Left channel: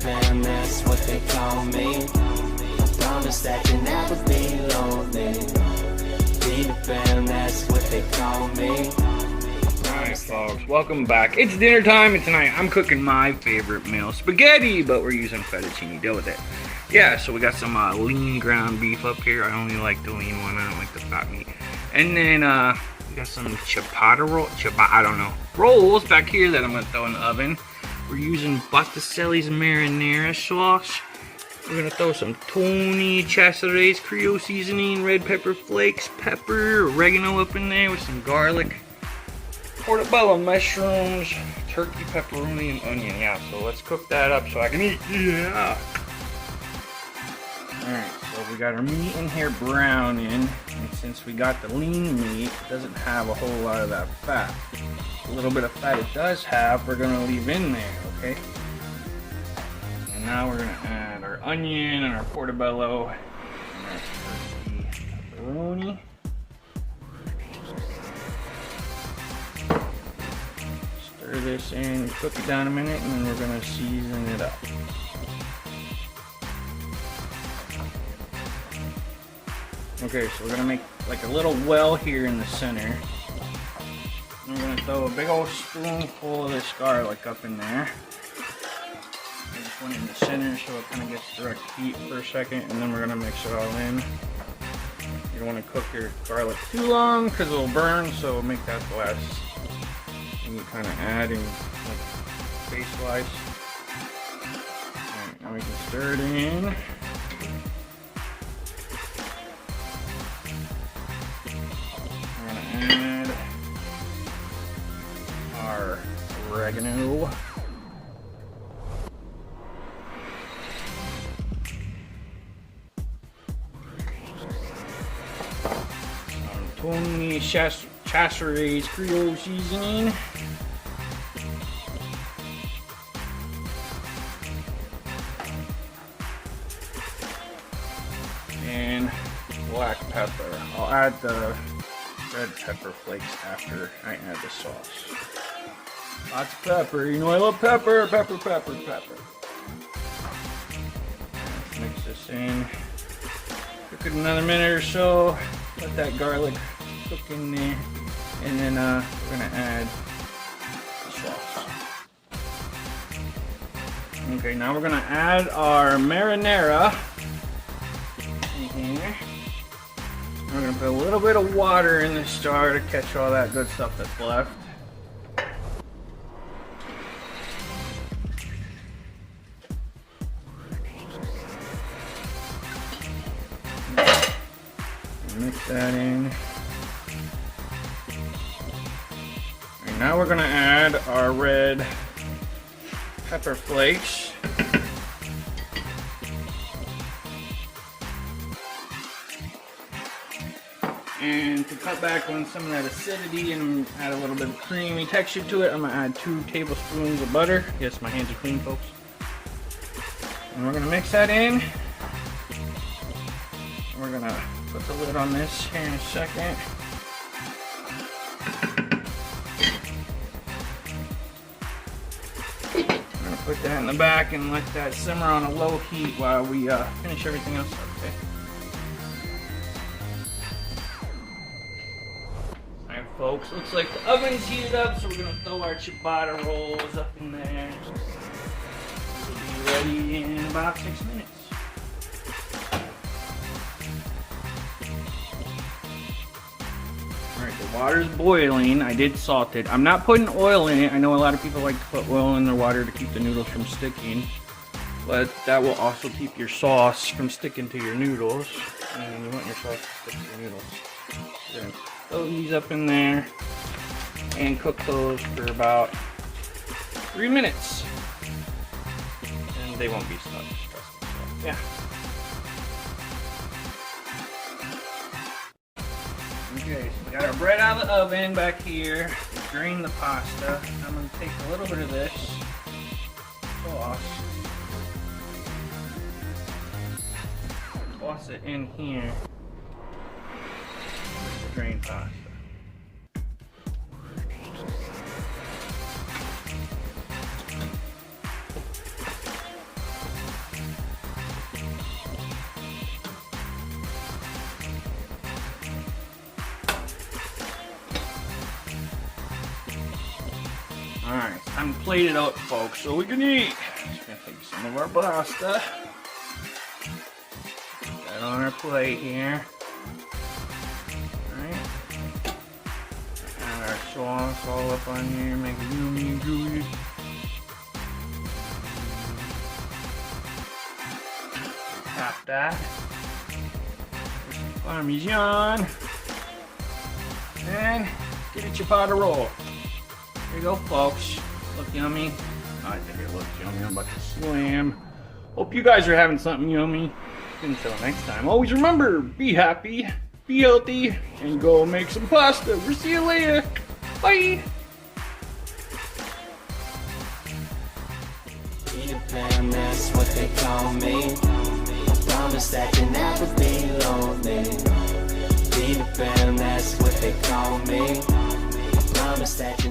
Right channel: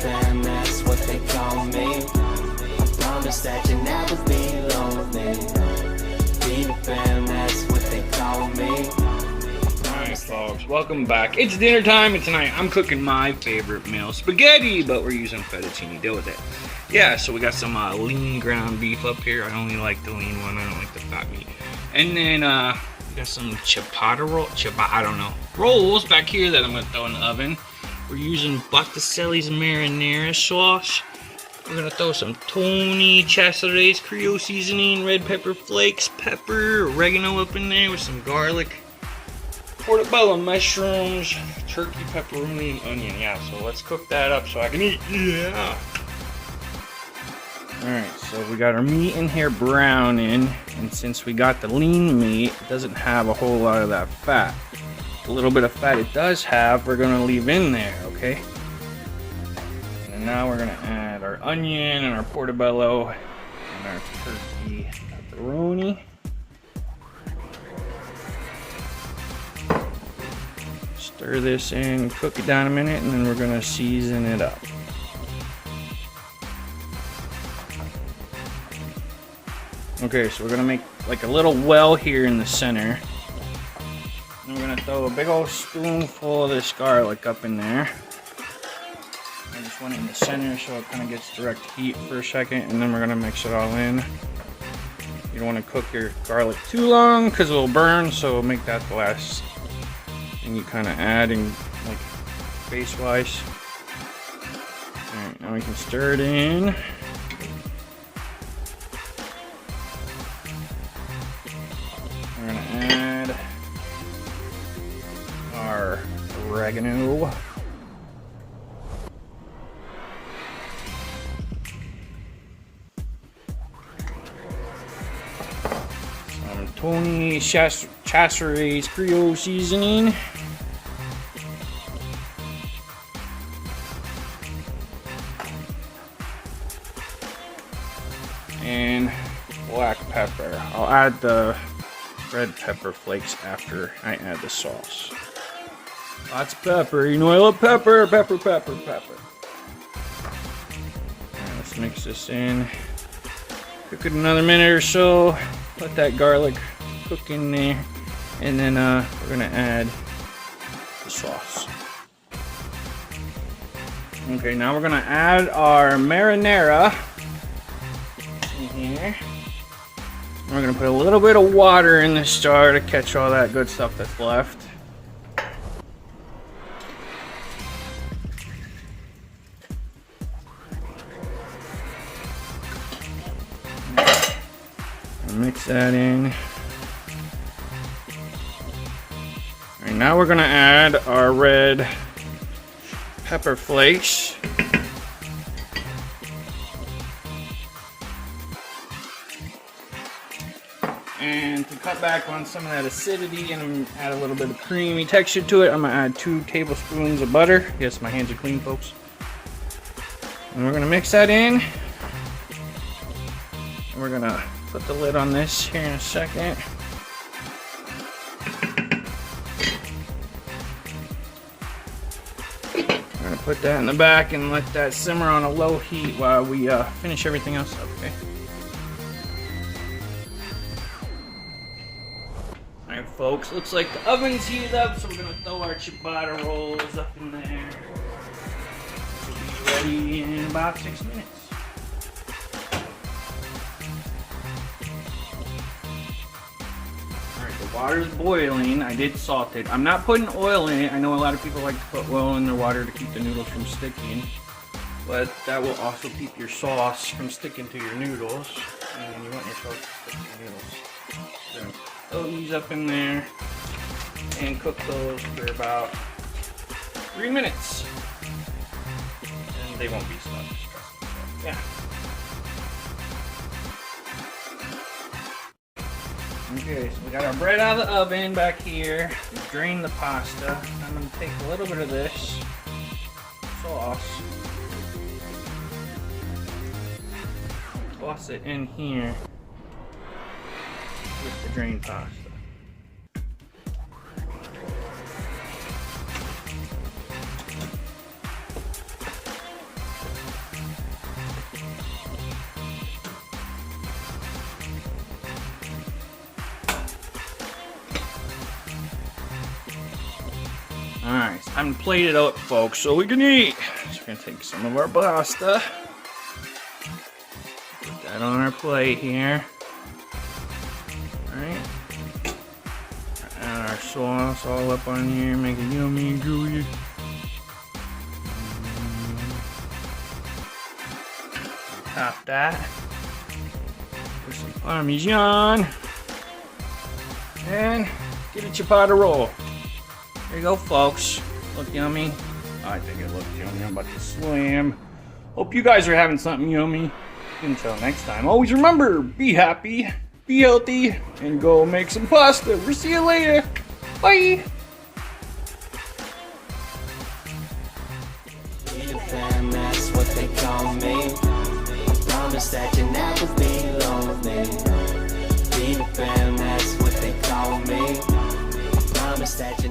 fam, that's what they call me. I promise that you'll never be lonely. Be the fam, that's what they call me. Alright folks, welcome back. It's dinner time and tonight I'm cooking my favorite meal, spaghetti, but we're using fettuccine. Deal with it. Yeah, so we got some lean ground beef up here. I only like the lean one, I don't like the fat meat. And then we got some rolls back here that I'm gonna throw in the oven. We're using Botticelli's marinara sauce. We're gonna throw some Tony Chachere's Creole seasoning, red pepper flakes, pepper, oregano up in there with some garlic, portobello mushrooms, turkey, pepperoni, and onion. Yeah, so let's cook that up so I can eat. Yeah. Alright, so we got our meat in here browning, and since we got the lean meat, it doesn't have a whole lot of that fat. A little bit of fat it does have, we're gonna leave in there, okay? And now we're gonna add our onion and our portobello and our turkey pepperoni. Stir this in, cook it down a minute, and then we're gonna season it up. Okay, so we're gonna make like a little well here in the center. I'm gonna throw a big old spoonful of this garlic up in there. I just want it in the center so it kind of gets direct heat for a second, and then we're gonna mix it all in. You don't want to cook your garlic too long because it'll burn, so make that the last thing you kind of add in, like, base-wise. Alright, now we can stir it in. We're gonna add our oregano. Our Tony Chachere's Creole seasoning. And black pepper. I'll add the red pepper flakes after I add the sauce. Lots of pepper. You know I love pepper. Pepper. Let's mix this in. Cook it another minute or so. Let that garlic cook in there. And then we're gonna add the sauce. Okay, now we're gonna add our marinara in here. We're gonna put a little bit of water in this jar to catch all that good stuff that's left. Mix that in. And now we're gonna add our red pepper flakes. And to cut back on some of that acidity and add a little bit of creamy texture to it, I'm gonna add 2 tablespoons of butter. Yes, my hands are clean, folks. And we're gonna mix that in. And we're gonna put the lid on this here in a second. We're gonna put that in the back and let that simmer on a low heat while we finish everything else up, okay? Alright folks, looks like the oven's heated up, so we're gonna throw our ciabatta rolls up in there. We'll be ready in about 6 minutes. Alright, the water's boiling. I did salt it. I'm not putting oil in it. I know a lot of people like to put oil in their water to keep the noodles from sticking, but that will also keep your sauce from sticking to your noodles, and you want your sauce to stick to your noodles. So, throw these up in there and cook those for about 3 minutes. And they won't be stuck, trust me. So, yeah. Okay, so we got our bread out of the oven back here. We drained the pasta. I'm going to take a little bit of this sauce, toss it in here with the drained pasta. Time to plate it up, folks, so we can eat. Just gonna take some of our pasta. Put that on our plate here. Alright. Add our sauce all up on here, make it yummy and gooey. Top that. Put some Parmesan. And give it your pot of roll. There you go, folks. Look yummy. I think it looks yummy. I'm about to slam. Hope you guys are having something yummy. Until next time, always remember, be happy, be healthy, and go make some pasta. We'll see you later. Bye. Peter Pan, that's what they call me. Promise that you'll never be lonely. Peter Pan, that's what they call me. Promise that you